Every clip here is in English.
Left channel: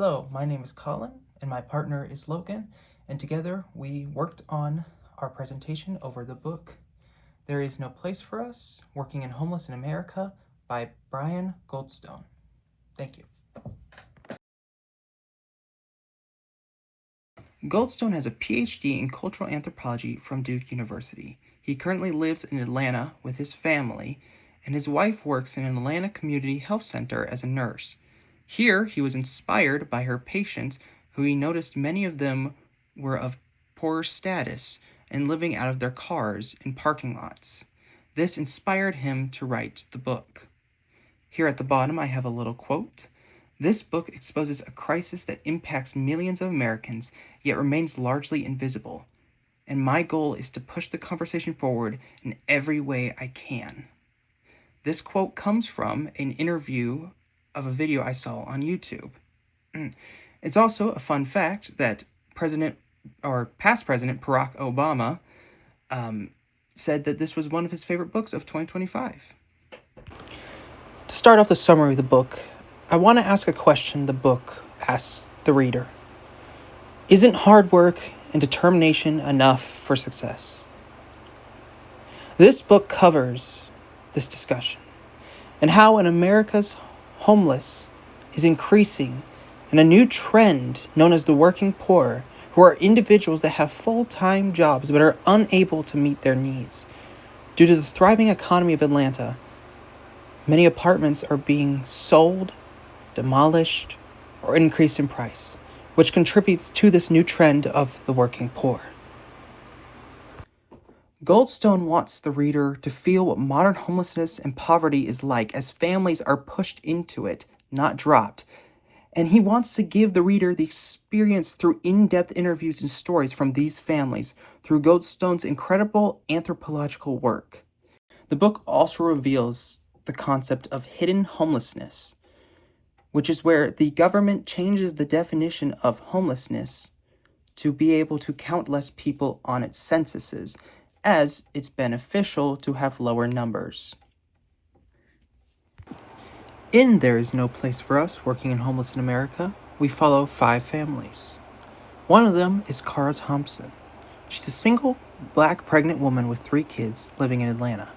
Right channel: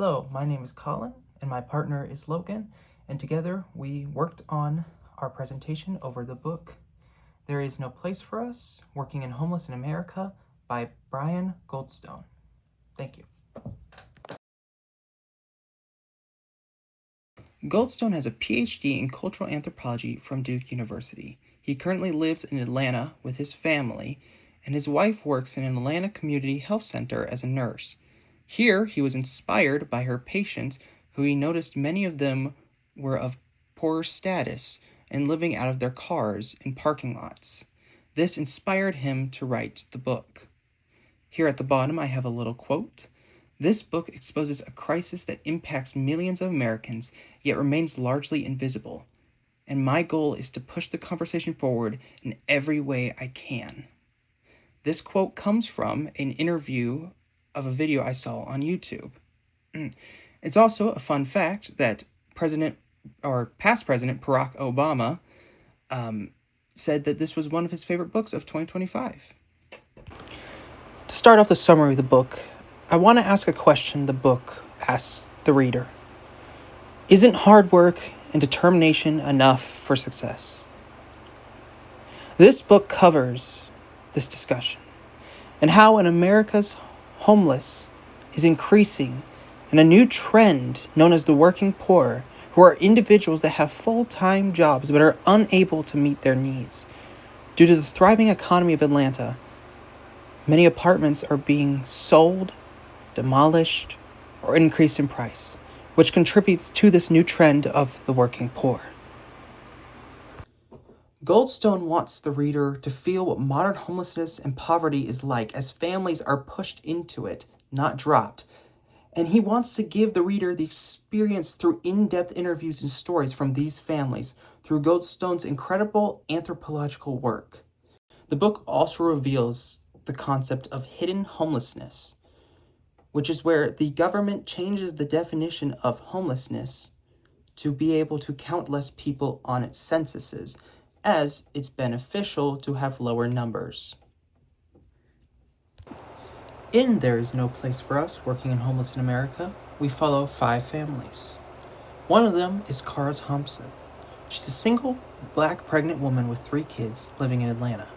Hello, my name is Collin, and my partner is Logan, and together we worked on our presentation over the book There Is No Place for Us, Working and Homeless in America by Brian Goldstone. Thank you. Goldstone has a PhD in cultural anthropology from Duke University. He currently lives in Atlanta with his family, and his wife works in an Atlanta Community Health Center as a nurse. Here, he was inspired by her patients, who he noticed many of them were of poorer status and living out of their cars in parking lots. This inspired him to write the book. Here at the bottom, I have a little quote. This book exposes a crisis that impacts millions of Americans, yet remains largely invisible. And my goal is to push the conversation forward in every way I can. This quote comes from an interview of a video I saw on YouTube. It's also a fun fact that past President Barack Obama said that this was one of his favorite books of 2025. To start off the summary of the book, I want to ask a question the book asks the reader. Isn't hard work and determination enough for success? This book covers this discussion and how in America's homeless is increasing and a new trend known as the working poor, who are individuals that have full-time jobs but are unable to meet their needs. Due to the thriving economy of Atlanta, many apartments are being sold, demolished, or increased in price, which contributes to this new trend of the working poor. Goldstone wants the reader to feel what modern homelessness and poverty is like as families are pushed into it, not dropped. And he wants to give the reader the experience through in-depth interviews and stories from these families through Goldstone's incredible anthropological work. The book also reveals the concept of hidden homelessness, which is where the government changes the definition of homelessness to be able to count less people on its censuses, as it's beneficial to have lower numbers. In There Is No Place for Us, Working and Homeless in America, we follow 5 families. One of them is Cara Thompson. She's a single, black pregnant woman with 3 kids living in Atlanta.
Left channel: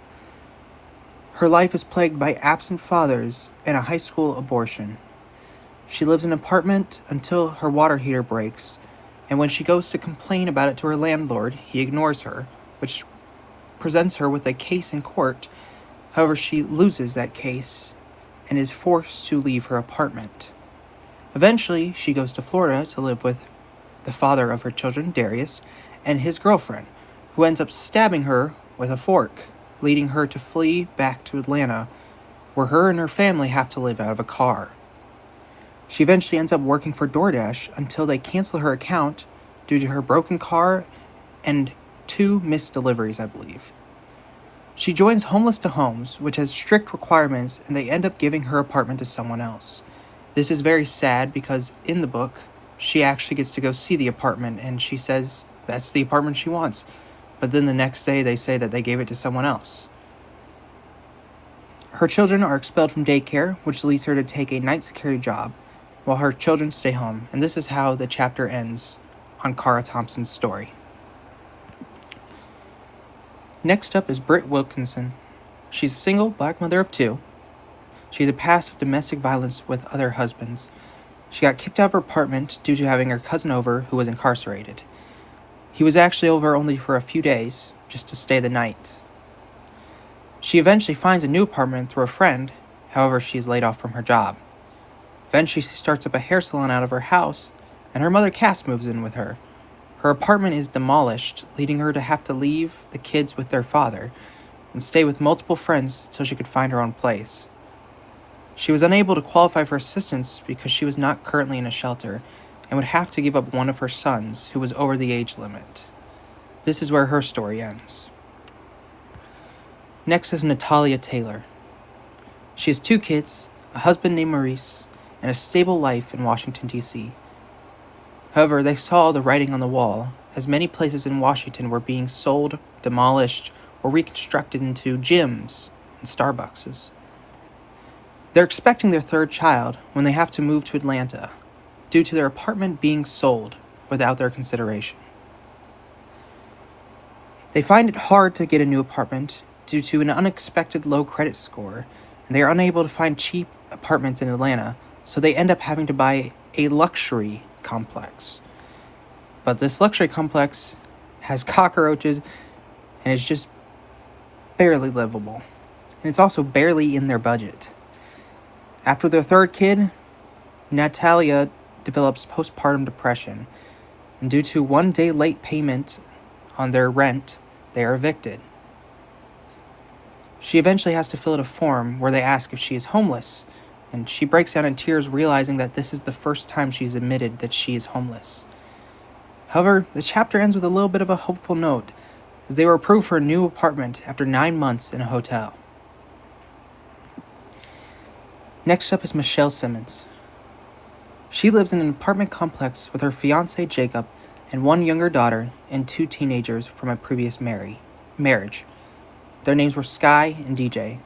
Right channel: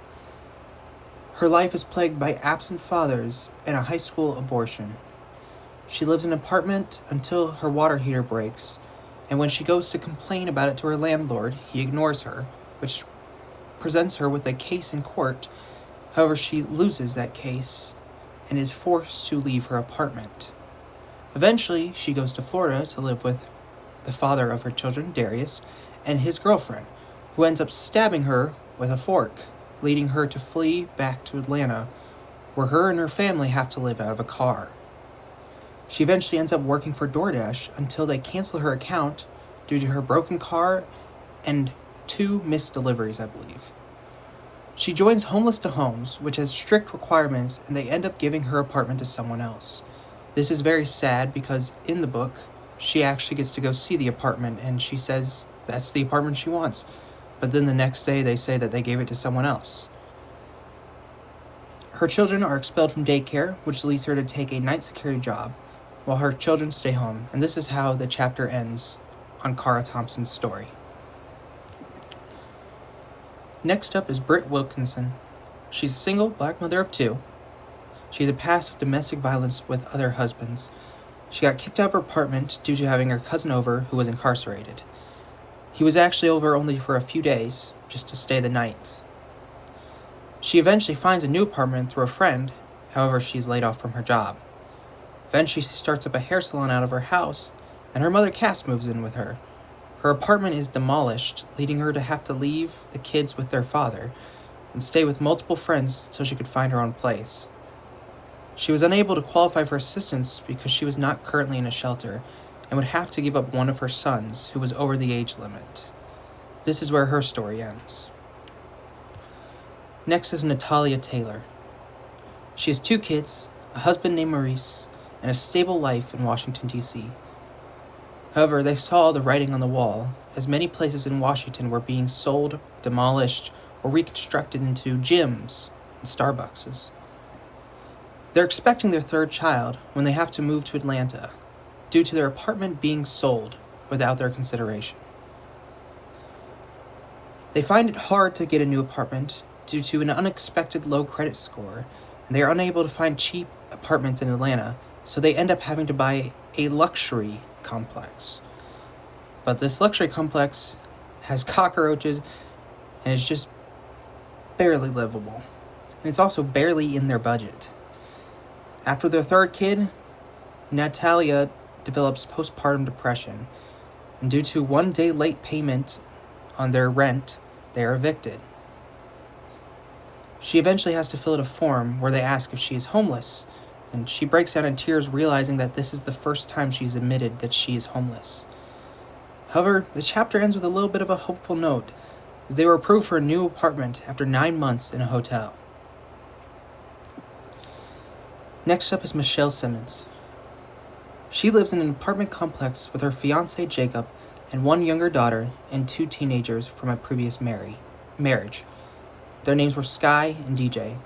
Her life is plagued by absent fathers and a high school abortion. She lives in an apartment until her water heater breaks, and when she goes to complain about it to her landlord, he ignores her, which presents her with a case in court. However, she loses that case and is forced to leave her apartment. Eventually, she goes to Florida to live with the father of her children, Darius, and his girlfriend, who ends up stabbing her with a fork, leading her to flee back to Atlanta, where her and her family have to live out of a car. She eventually ends up working for DoorDash until they cancel her account due to her broken car and 2 missed deliveries, I believe. She joins Homeless to Homes, which has strict requirements, and they end up giving her apartment to someone else. This is very sad because in the book, she actually gets to go see the apartment, and she says that's the apartment she wants. But then the next day, they say that they gave it to someone else. Her children are expelled from daycare, which leads her to take a night security job, while her children stay home. And this is how the chapter ends on Cara Thompson's story. Next up is Britt Wilkinson. She's a single black mother of 2. She has a past of domestic violence with other husbands. She got kicked out of her apartment due to having her cousin over who was incarcerated. He was actually over only for a few days, just to stay the night. She eventually finds a new apartment through a friend, however she is laid off from her job. Eventually she starts up a hair salon out of her house, and her mother Cass moves in with her. Her apartment is demolished, leading her to have to leave the kids with their father and stay with multiple friends till she could find her own place. She was unable to qualify for assistance because she was not currently in a shelter and would have to give up one of her sons who was over the age limit. This is where her story ends. Next is Natalia Taylor. She has 2 kids, a husband named Maurice, and a stable life in Washington, D.C. However, they saw the writing on the wall, as many places in Washington were being sold, demolished, or reconstructed into gyms and Starbuckses. They're expecting their 3rd child when they have to move to Atlanta. due to their apartment being sold without their consideration. They find it hard to get a new apartment due to an unexpected low credit score, and they are unable to find cheap apartments in Atlanta, so they end up having to buy a luxury complex. But this luxury complex has cockroaches and is just barely livable. And it's also barely in their budget. After their third kid, Natalia develops postpartum depression, and due to 1 day late payment on their rent, they are evicted. She eventually has to fill out a form where they ask if she is homeless, and she breaks down in tears, realizing that this is the first time she's admitted that she is homeless. However, the chapter ends with a little bit of a hopeful note, as they were approved for a new apartment after 9 months in a hotel. Next up is Michelle Simmons. She lives in an apartment complex with her fiancé Jacob and 1 younger daughter and 2 teenagers from a previous marriage. Their names were Sky and DJ.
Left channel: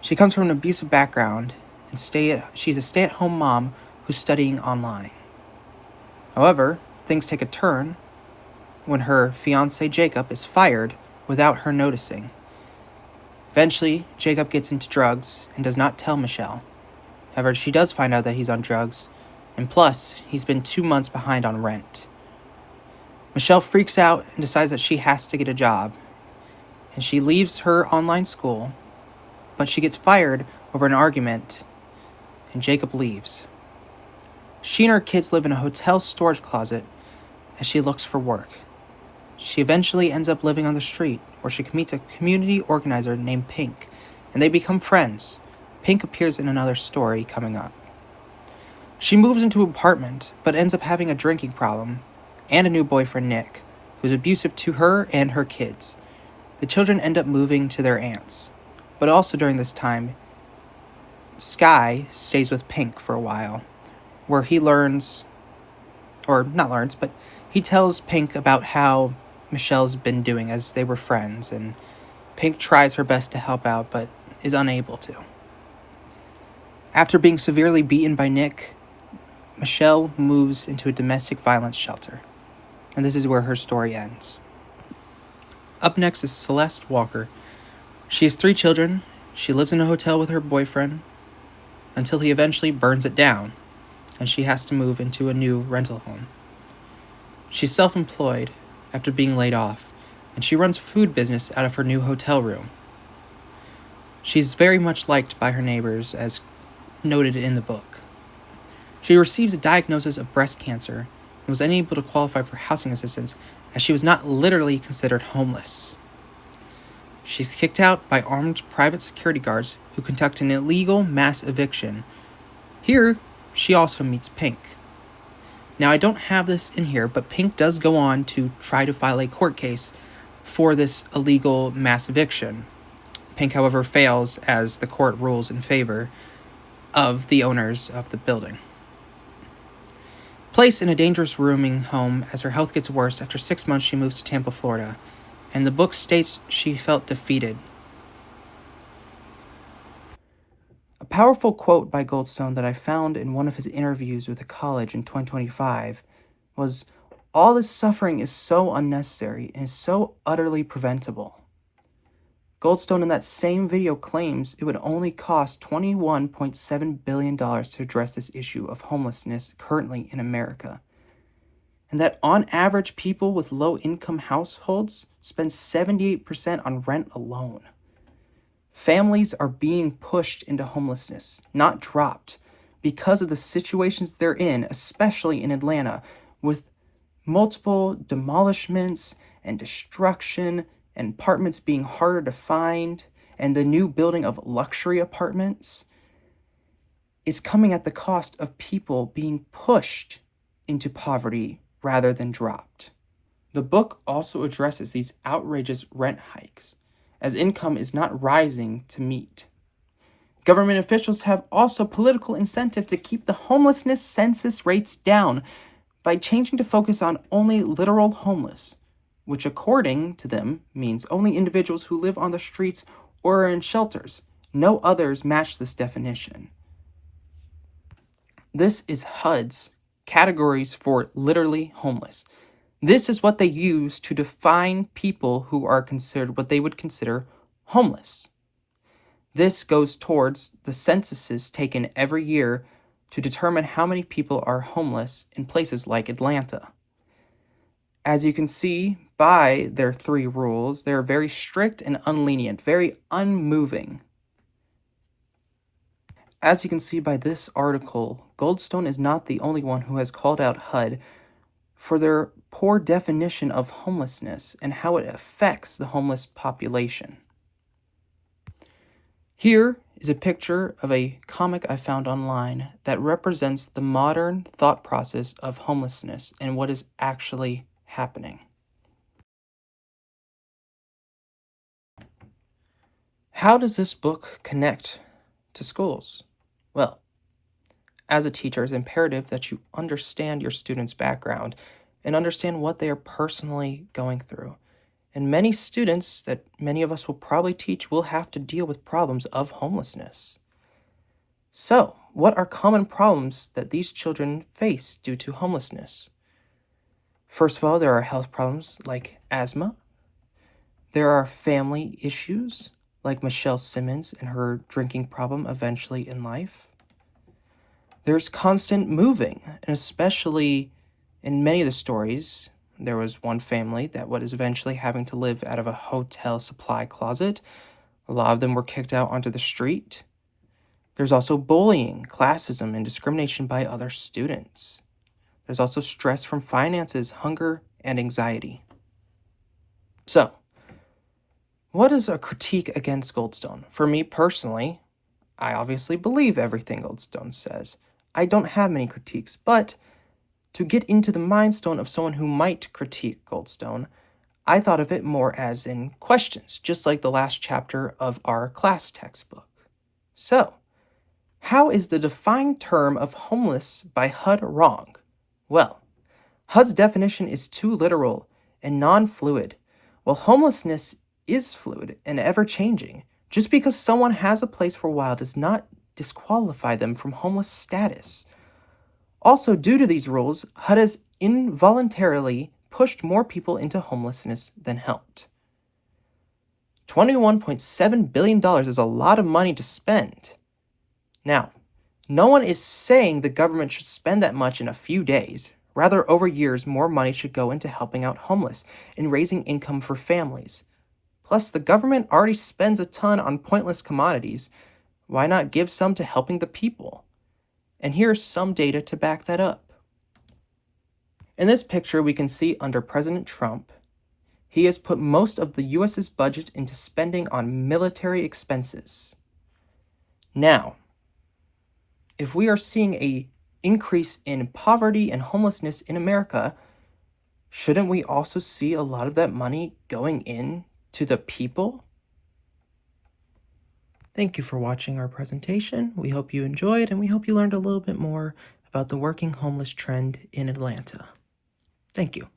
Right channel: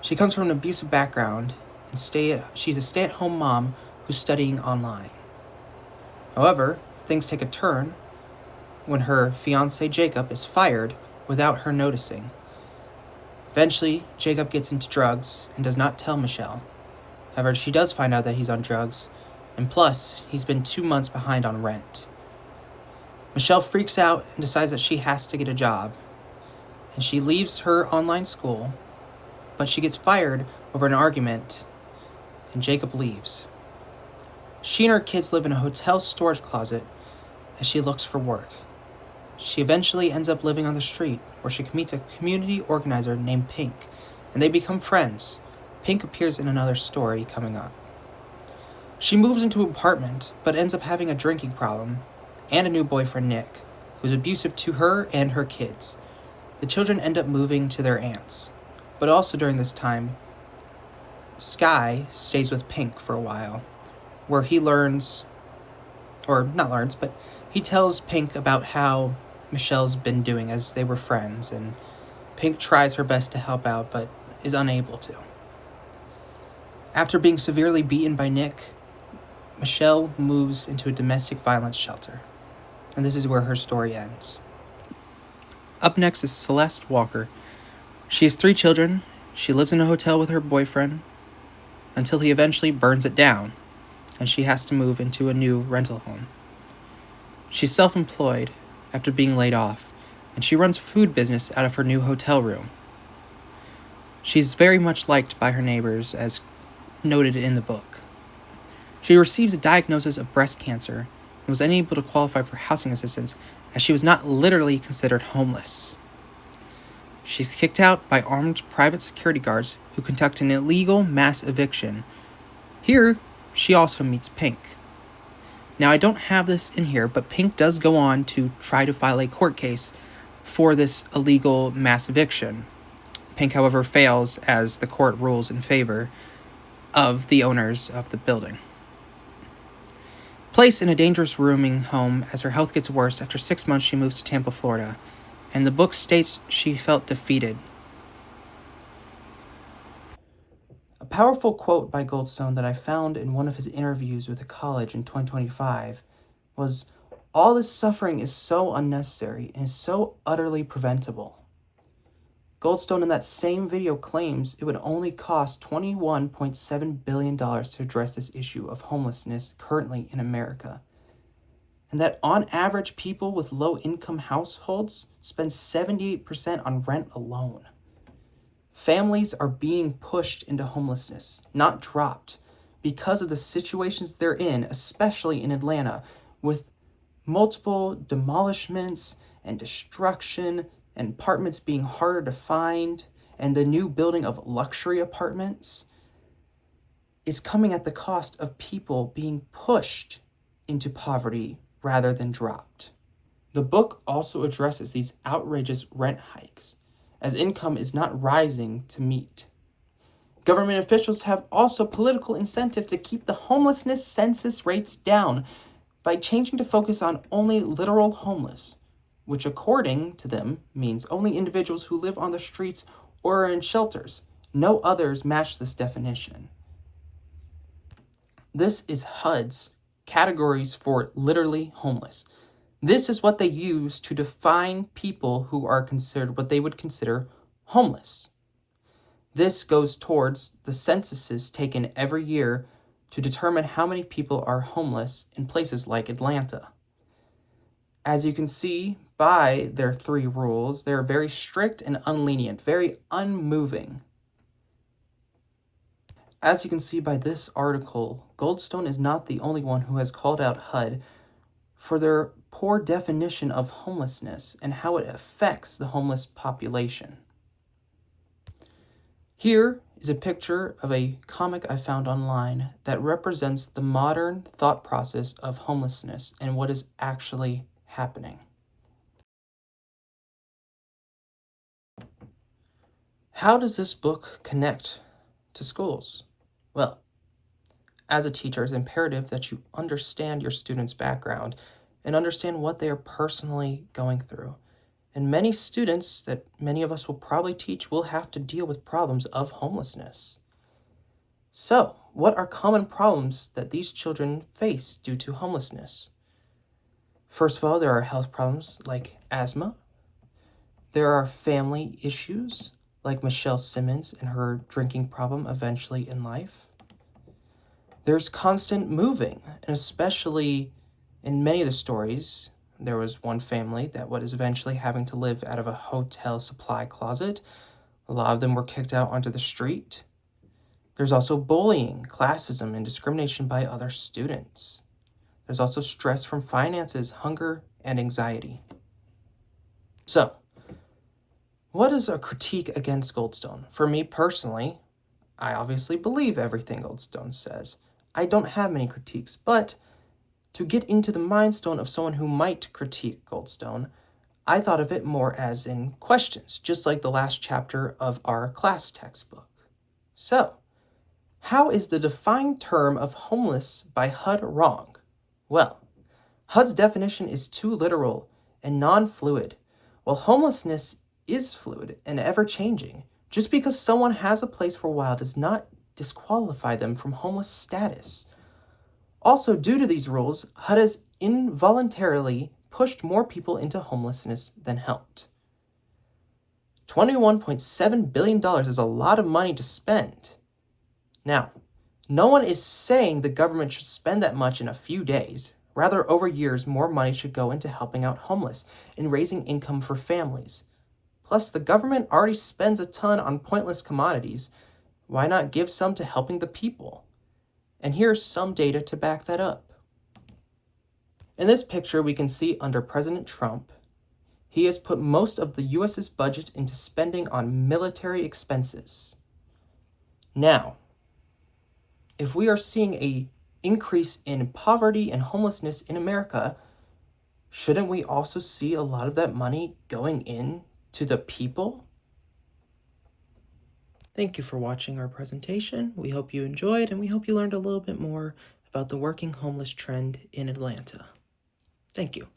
She comes from an abusive background and she's a stay-at-home mom who's studying online. However, things take a turn when her fiancé Jacob is fired without her noticing. Eventually, Jacob gets into drugs and does not tell Michelle. However, she does find out that he's on drugs, and plus, he's been 2 months behind on rent. Michelle freaks out and decides that she has to get a job, and she leaves her online school, but she gets fired over an argument, and Jacob leaves. She and her kids live in a hotel storage closet as she looks for work. She eventually ends up living on the street, where she meets a community organizer named Pink, and they become friends. Pink appears in another story coming up. She moves into an apartment, but ends up having a drinking problem, and a new boyfriend, Nick, who's abusive to her and her kids. The children end up moving to their aunts, but also during this time, Sky stays with Pink for a while, where he he tells Pink about how Michelle's been doing as they were friends, and Pink tries her best to help out, but is unable to. After being severely beaten by Nick, Michelle moves into a domestic violence shelter, and this is where her story ends. Up next is Celeste Walker. She has 3 children. She lives in a hotel with her boyfriend until he eventually burns it down, and she has to move into a new rental home. She's self-employed after being laid off, and she runs food business out of her new hotel room. She's very much liked by her neighbors, as noted in the book. She receives a diagnosis of breast cancer and was unable to qualify for housing assistance, as she was not literally considered homeless. She's kicked out by armed private security guards who conduct an illegal mass eviction. Here, she also meets Pink. Now, I don't have this in here, but Pink does go on to try to file a court case for this illegal mass eviction. Pink, however, fails as the court rules in favor of the owners of the building. Placed in a dangerous rooming home as her health gets worse, after 6 months she moves to Tampa, Florida, and the book states she felt defeated. A powerful quote by Goldstone that I found in one of his interviews with a college in 2025 was, "All this suffering is so unnecessary and is so utterly preventable." Goldstone in that same video claims it would only cost $21.7 billion to address this issue of homelessness currently in America, and that on average people with low-income households spend 78% on rent alone. Families are being pushed into homelessness, not dropped, because of the situations they're in, especially in Atlanta, with multiple demolishments and destruction and apartments being harder to find, and the new building of luxury apartments. It's coming at the cost of people being pushed into poverty rather than dropped. The book also addresses these outrageous rent hikes, as income is not rising to meet. Government officials have also political incentive to keep the homelessness census rates down by changing to focus on only literal homeless, which according to them means only individuals who live on the streets or are in shelters. No others match this definition. This is HUD's categories for literally homeless. This is what they use to define people who are considered what they would consider homeless. This goes towards the censuses taken every year to determine how many people are homeless in places like Atlanta. As you can see by their 3 rules, they are very strict and unlenient, very unmoving. As you can see by this article, Goldstone is not the only one who has called out HUD for their poor definition of homelessness and how it affects the homeless population. Here is a picture of a comic I found online that represents the modern thought process of homelessness and what is actually happening. How does this book connect to schools? Well, as a teacher, it's imperative that you understand your students' background and understand what they are personally going through. And many students that many of us will probably teach will have to deal with problems of homelessness. So, what are common problems that these children face due to homelessness? First of all, there are health problems like asthma. There are family issues like Michelle Simmons and her drinking problem eventually in life. There's constant moving, and especially in many of the stories, there was one family that was eventually having to live out of a hotel supply closet. A lot of them were kicked out onto the street. There's also bullying, classism, and discrimination by other students. There's also stress from finances, hunger, and anxiety. So, what is a critique against Goldstone? For me personally, I obviously believe everything Goldstone says. I don't have many critiques, but to get into the mindstone of someone who might critique Goldstone, I thought of it more as in questions, just like the last chapter of our class textbook. So, how is the defined term of homeless by HUD wrong? Well, HUD's definition is too literal and non-fluid, while homelessness is fluid and ever-changing. Just because someone has a place for a while does not disqualify them from homeless status. Also, due to these rules, HUD has involuntarily pushed more people into homelessness than helped. $21.7 billion is a lot of money to spend. Now, no one is saying the government should spend that much in a few days. Rather, over years, more money should go into helping out homeless and raising income for families. Plus, the government already spends a ton on pointless commodities. Why not give some to helping the people? And here's some data to back that up. In this picture, we can see under President Trump, he has put most of the U.S.'s budget into spending on military expenses. Now, if we are seeing an increase in poverty and homelessness in America, shouldn't we also see a lot of that money going in to the people? Thank you for watching our presentation. We hope you enjoyed, and we hope you learned a little bit more about the working homeless trend in Atlanta. Thank you.